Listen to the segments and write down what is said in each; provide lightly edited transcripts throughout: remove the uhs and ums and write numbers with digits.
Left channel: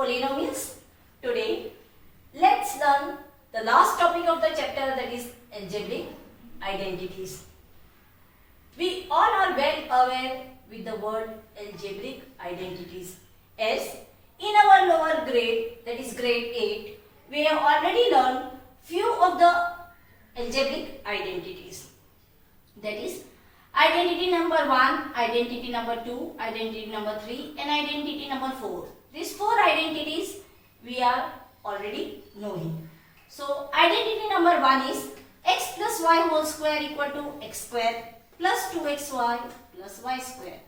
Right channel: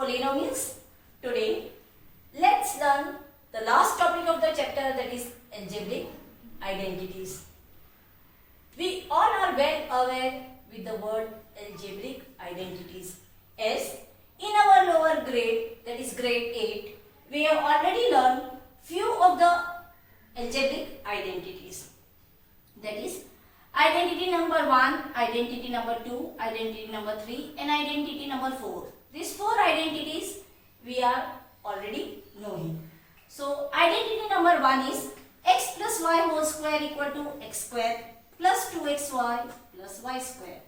polynomials. Today, let's learn the last topic of the chapter, that is algebraic identities. We all are well aware with the word algebraic identities, as in our lower grade, that is grade 8, we have already learned few of the algebraic identities. That is identity number 1, identity number 2, identity number 3 and identity number 4. These 4 identities we are already knowing. So identity number 1 is x plus y whole square equal to x square plus 2xy plus y square.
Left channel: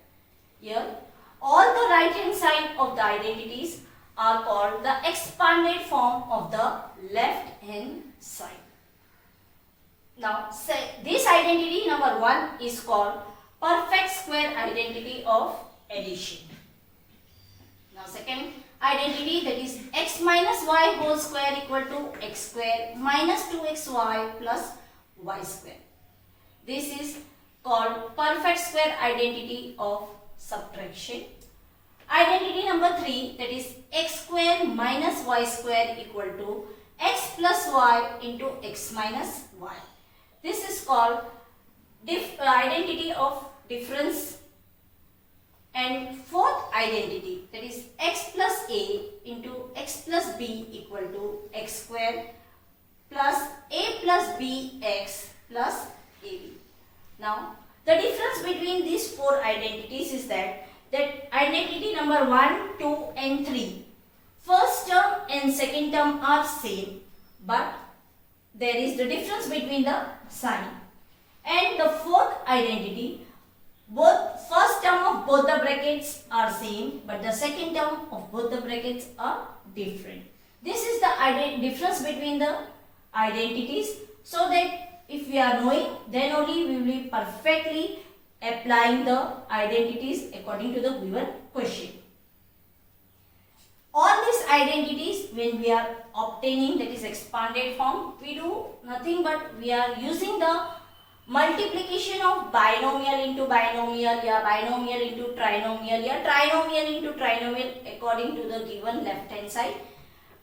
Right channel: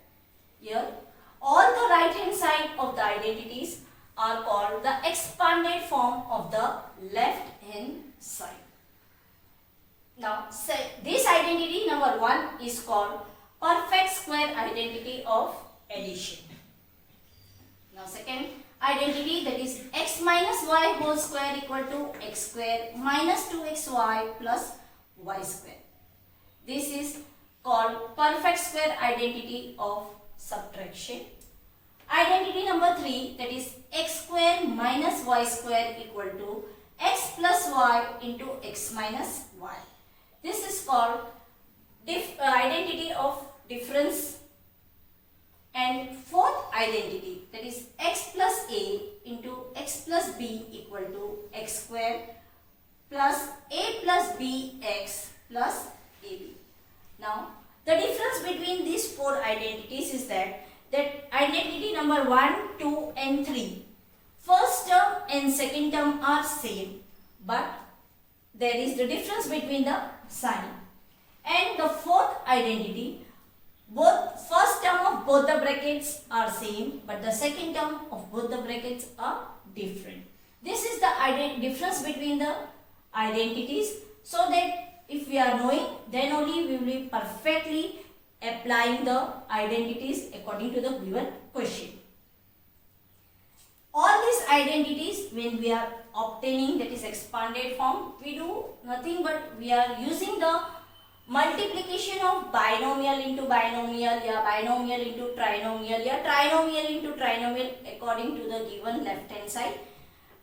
Here all the right hand side of the identities are called the expanded form of the left hand side. Now this identity number 1 is called perfect square identity of addition. Now second identity, that is x minus y whole square equal to x square minus 2xy plus y square. This is called perfect square identity of subtraction. Identity number 3, that is x square minus y square equal to x plus y into x minus y. This is called identity of difference. And fourth identity, that is x plus a into x plus b equal to x square plus a plus b x plus ab. Now the difference between these 4 identities is that identity number 1, 2 and 3, first term and second term are same, but there is the difference between the sign. And the fourth identity, both first term of both the brackets are same, but the second term of both the brackets are different. This is the difference between the identities, so that if we are knowing, then only we will be perfectly applying the identities according to the given question. All these identities, when we are obtaining, that is expanded form, we do nothing but we are using the multiplication of binomial into binomial, या binomial into trinomial, या trinomial into trinomial according to the given left hand side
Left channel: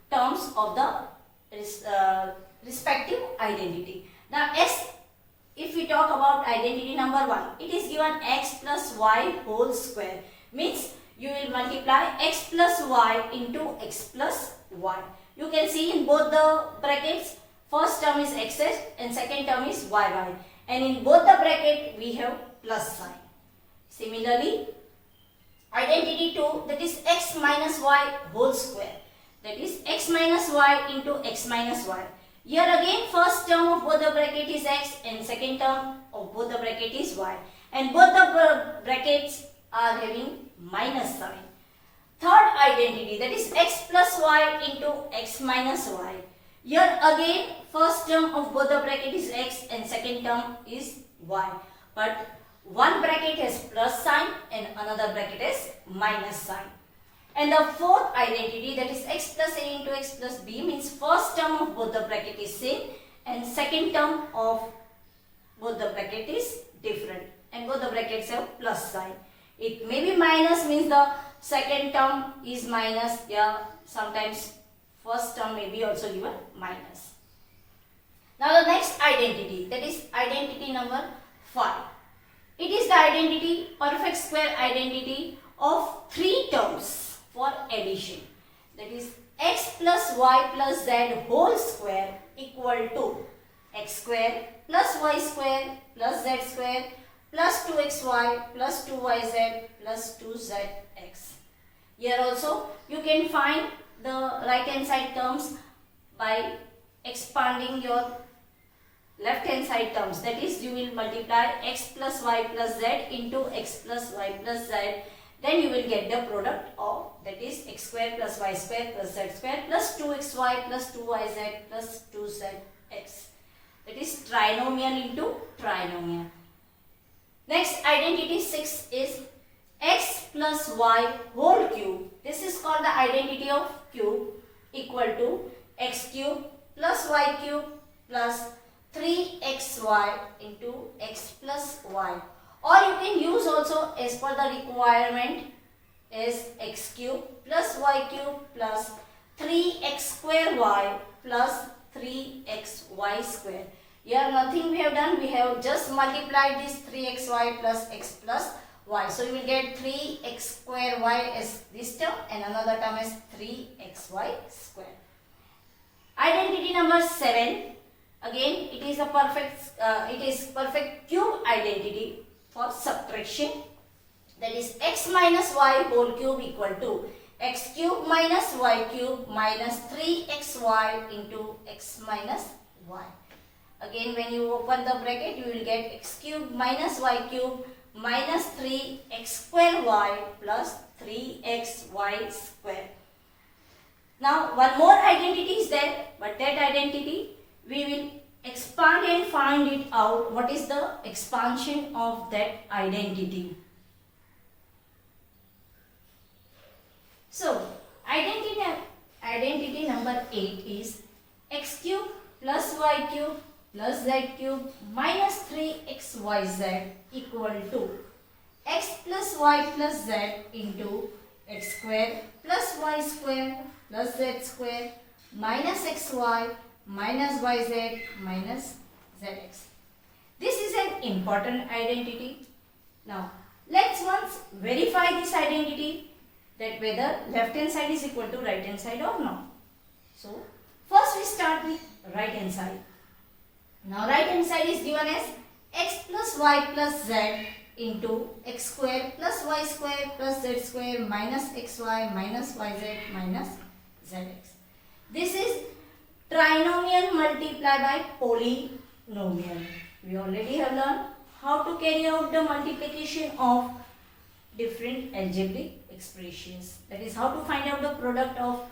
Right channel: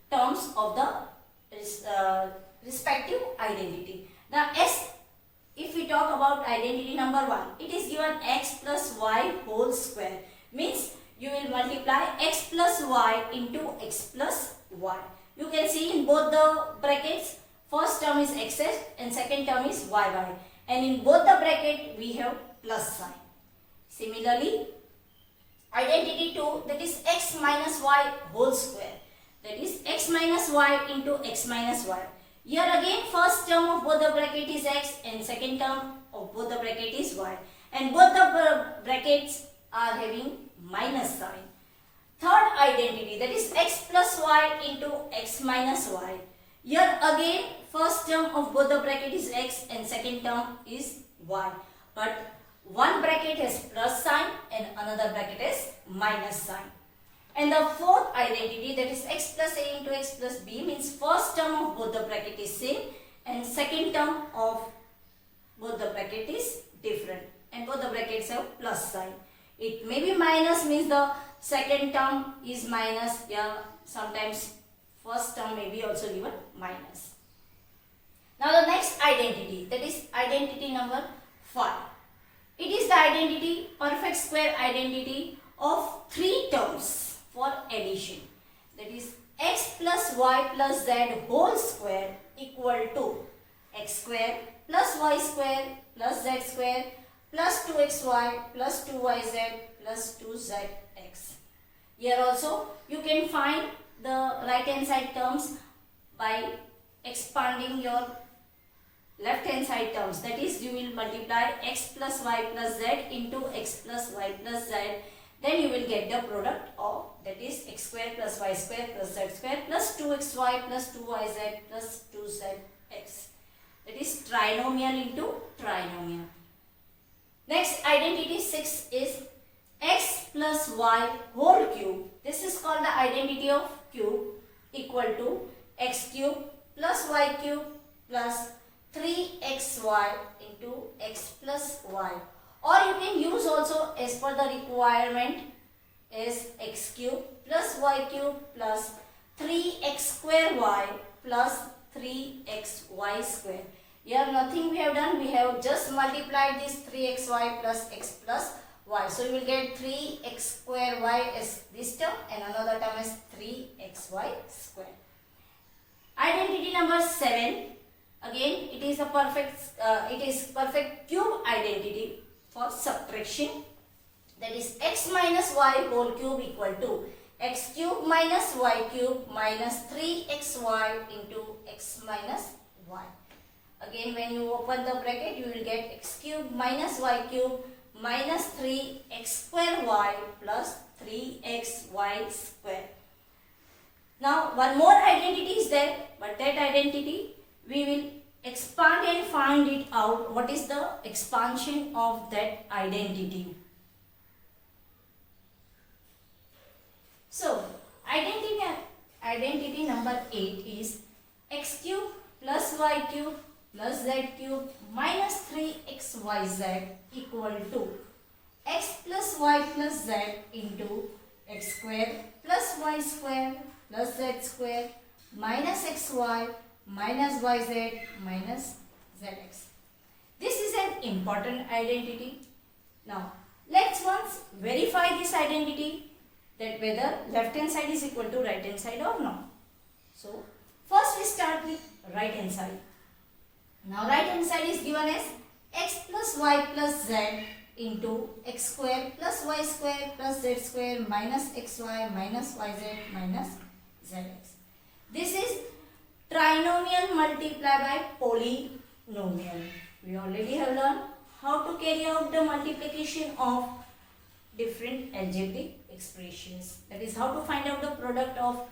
terms of the respective identity. Now if we talk about identity number 1, it is given x plus y whole square, means you will multiply x plus y into x plus y. You can see in both the brackets, first term is x and second term is y. And in both the bracket we have plus sign. Similarly, identity 2, that is x minus y whole square, that is x minus y into x minus y. Here again first term of both the bracket is x and second term of both the bracket is y. And both the brackets are having minus sign. Third identity, that is x plus y into x minus y. Here again first term of both the bracket is x and second term is y. But one bracket has plus sign and another bracket has minus sign. And the fourth identity, that is x plus a into x plus b, means first term of both the bracket is same and second term of both the bracket is different. And both the brackets have plus sign. It may be minus, means the second term is minus, yeah, sometimes first term may be also given minus. Now the next identity, that is identity number 5. It is the identity, perfect square identity of 3 terms for addition. That is x plus y plus z whole square equal to x square plus y square plus z square plus 2xy plus 2yz plus 2zx. Here also you can find the right hand side terms by expanding your left hand side terms. That is, you will multiply x plus y plus z into x plus y plus z. Then you will get the product of, that is x square plus y square plus z square plus 2xy plus 2yz plus 2zx. That is trinomial into trinomial. Next identity 6 is x plus y whole cube. This is called the identity of cube equal to x cube plus y cube plus 3xy into x plus y. Or you can use also as per the requirement is x cube plus y cube plus 3x square y plus 3xy square. Here nothing we have done, we have just multiplied this 3xy plus x plus y. So you will get 3x square y as this term and another term is 3xy square. Identity number 7. Again it is a perfect cube identity for subtraction. That is x minus y whole cube equal to x cube minus y cube minus 3xy into x minus y. Again when you open the bracket you will get x cube minus y cube minus 3x square y plus 3xy square. Now one more identity is there, but that identity we will expand and find it out. What is the expansion of that identity? So identity number 8 is x cube plus y cube plus z cube minus 3xyz equal to x plus y plus z into x square plus y square plus z square minus xy minus yz minus zx. This is an important identity. Now let's once verify this identity, that whether left hand side is equal to right hand side or not. So first we start with right hand side. Now right hand side is given as x plus y plus z into x square plus y square plus z square minus xy minus yz minus zx. This is trinomial multiplied by polynomial. We already have learned how to carry out the multiplication of different algebraic expressions. That is how to find out the product of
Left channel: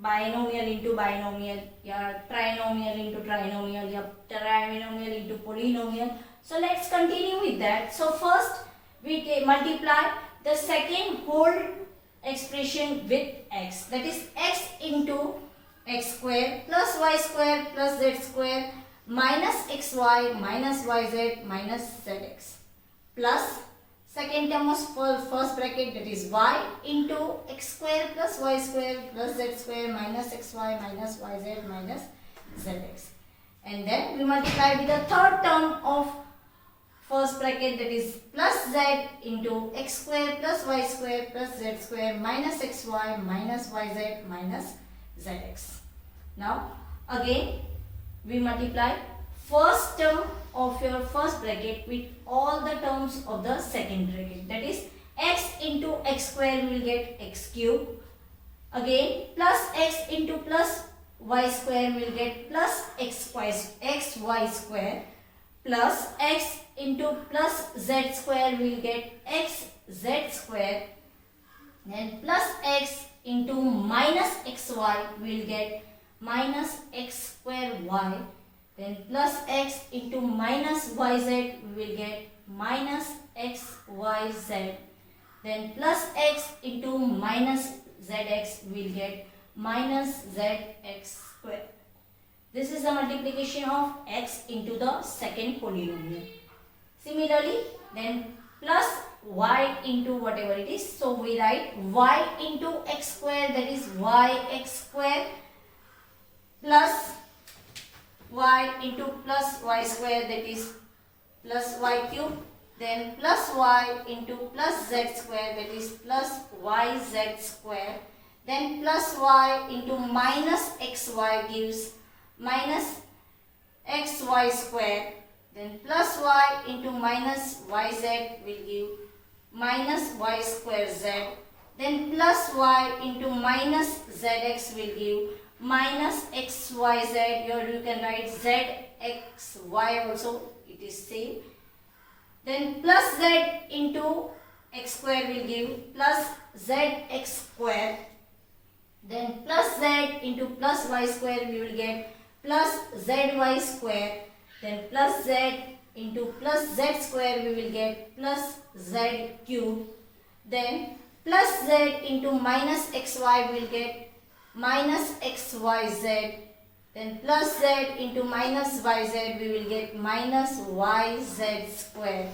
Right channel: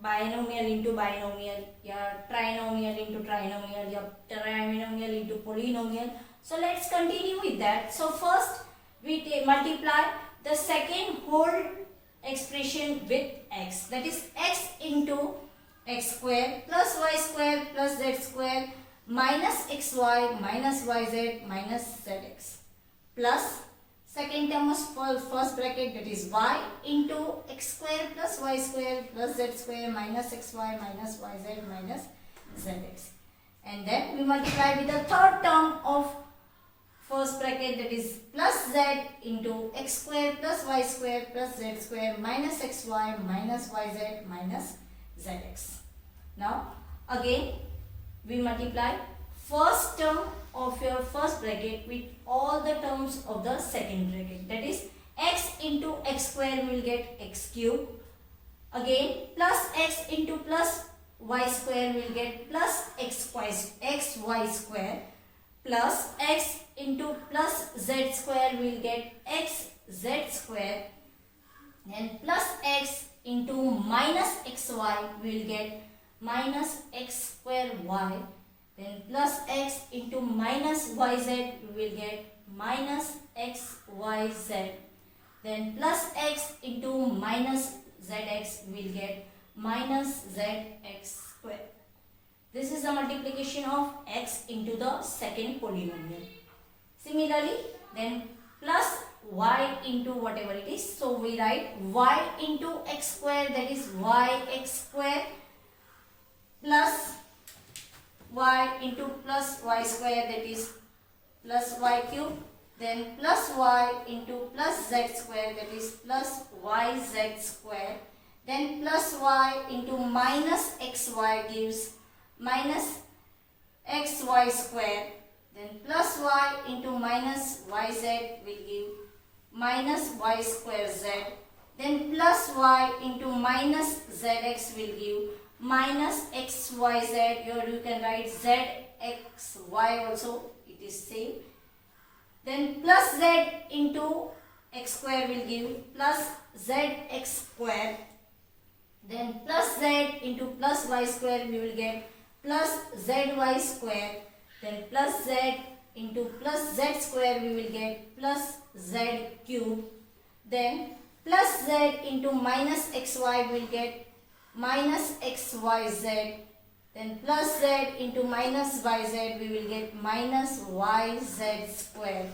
binomial into binomial, या trinomial into trinomial, या trinomial into polynomial. So let's continue with that. So first we multiply the second whole expression with x, that is x into x square plus y square plus z square minus xy minus yz minus zx plus second term of first bracket, that is y into x square plus y square plus z square minus xy minus yz minus zx, and then we multiply with the third term of first bracket, that is plus z into x square plus y square plus z square minus xy minus yz minus zx. Now again we multiply first term of your first bracket with all the terms of the second bracket, that is x into x square we will get x cube, again plus x into plus y square we will get plus xy square, plus x into plus z square we will get xz square, then plus x into minus xy we will get minus x square y, then plus x into minus yz we will get minus xyz, then plus x into minus zx we will get minus zx square. This is the multiplication of x into the second polynomial. Similarly, then plus y into whatever it is, so we write y into x square, that is yx square, plus y into plus y square, that is plus y cube, then plus y into plus z square, that is plus yz square, then plus y into minus xy gives minus xy square, then plus y into minus yz will give minus y square z, then plus y into minus zx will give minus xyz. Here you can write zxy also, it is same. Then plus z into x square will give plus zx square, then plus z into plus y square we will get plus zy square, then plus z into plus z square we will get plus z cube, then plus z into minus xy we will get minus xyz, then plus z into minus yz we will get minus yz square,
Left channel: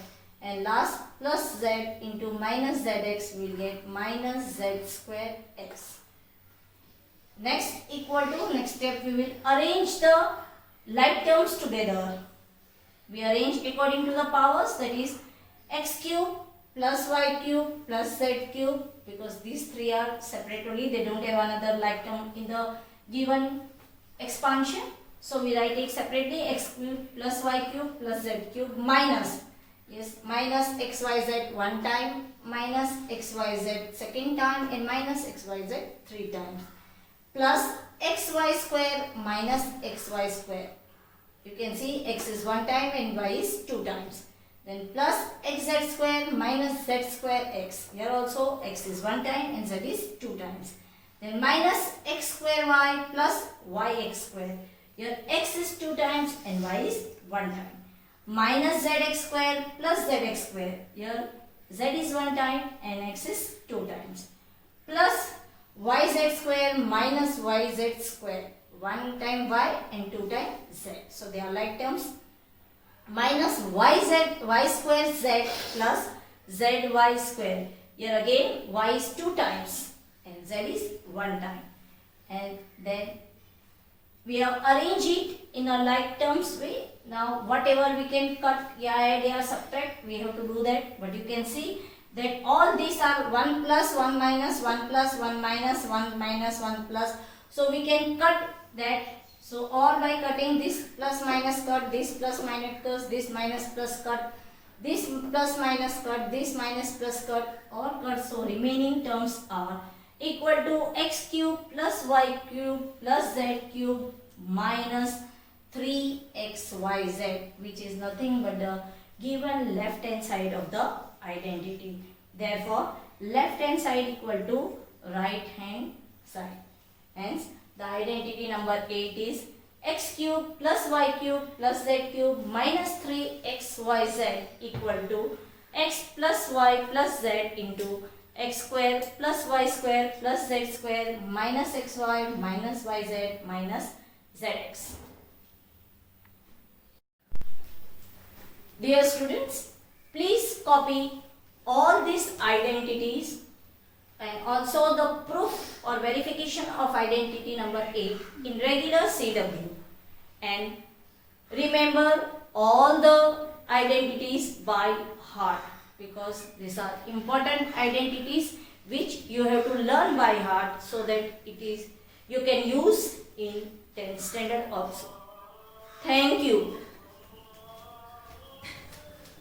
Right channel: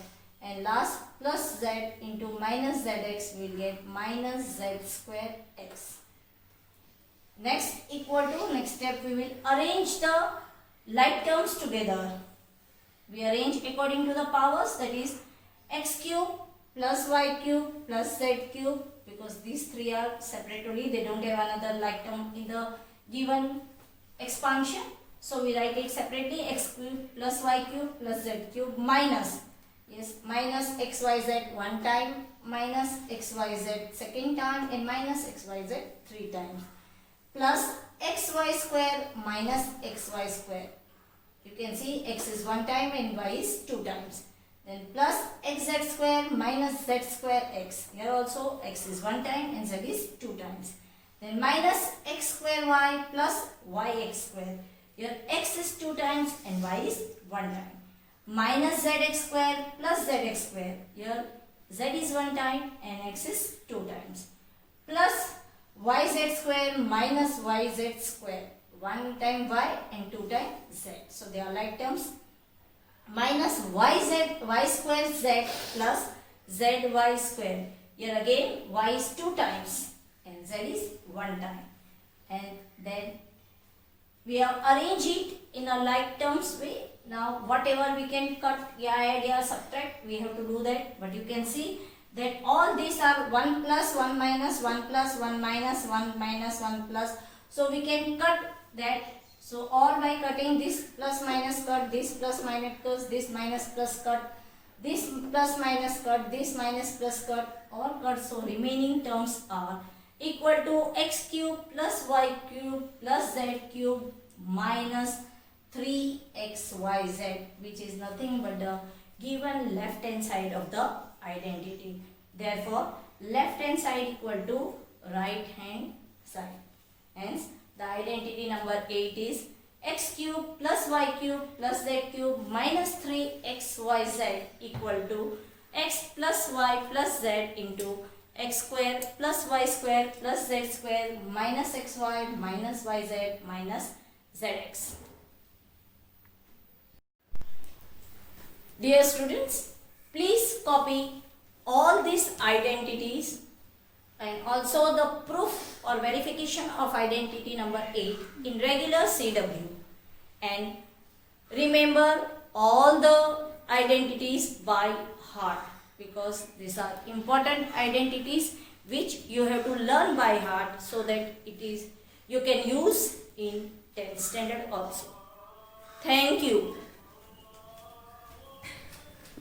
and last plus z into minus zx, we will get minus z square x. Next step, we will arrange the like terms together. We arrange according to the powers, that is x cube plus y cube plus z cube, because these three are separately, they don't have another like term in the given expansion. So we write it separately, x cube plus y cube plus z cube minus, yes, minus xyz one time, minus xyz second time, and minus xyz three times, plus xy square minus xy square. You can see x is one time and y is two times. Then plus xz square minus z square x. Here also x is one time and z is two times. Then minus x square y plus yx square. Here x is two times and y is one time. Minus zx square plus zx square. Here z is one time and x is two times. Plus yz square minus yz square. One time y and two times z. So they are like terms. Minus y square z plus zy square. Here again y is two times and z is one time. And then we have arranged it in a like terms way. Now whatever we can cut, add, subtract, we have to do that. But you can see that all these are 1 plus 1 minus 1 plus 1 minus 1 minus 1 plus. So we can cut that. So all by cutting this plus minus cut, this plus minus cut, this minus plus cut, this plus minus cut, this minus plus cut, all cut. So remaining terms are equal to x cube plus y cube plus z cube minus 3xyz, which is nothing but the given left hand side of the identity. Therefore, left hand side equal to right hand side. Hence, the identity number 8 is x cube plus y cube plus z cube minus 3xyz equal to x plus y plus z into x square plus y square plus z square minus xy minus yz minus zx. Dear students, please copy all these identities and also the proof or verification of identity number 8 in regular CW, and remember all the identities by heart, because these are important identities which you have to learn by heart so that you can use in 10th standard also. Thank you.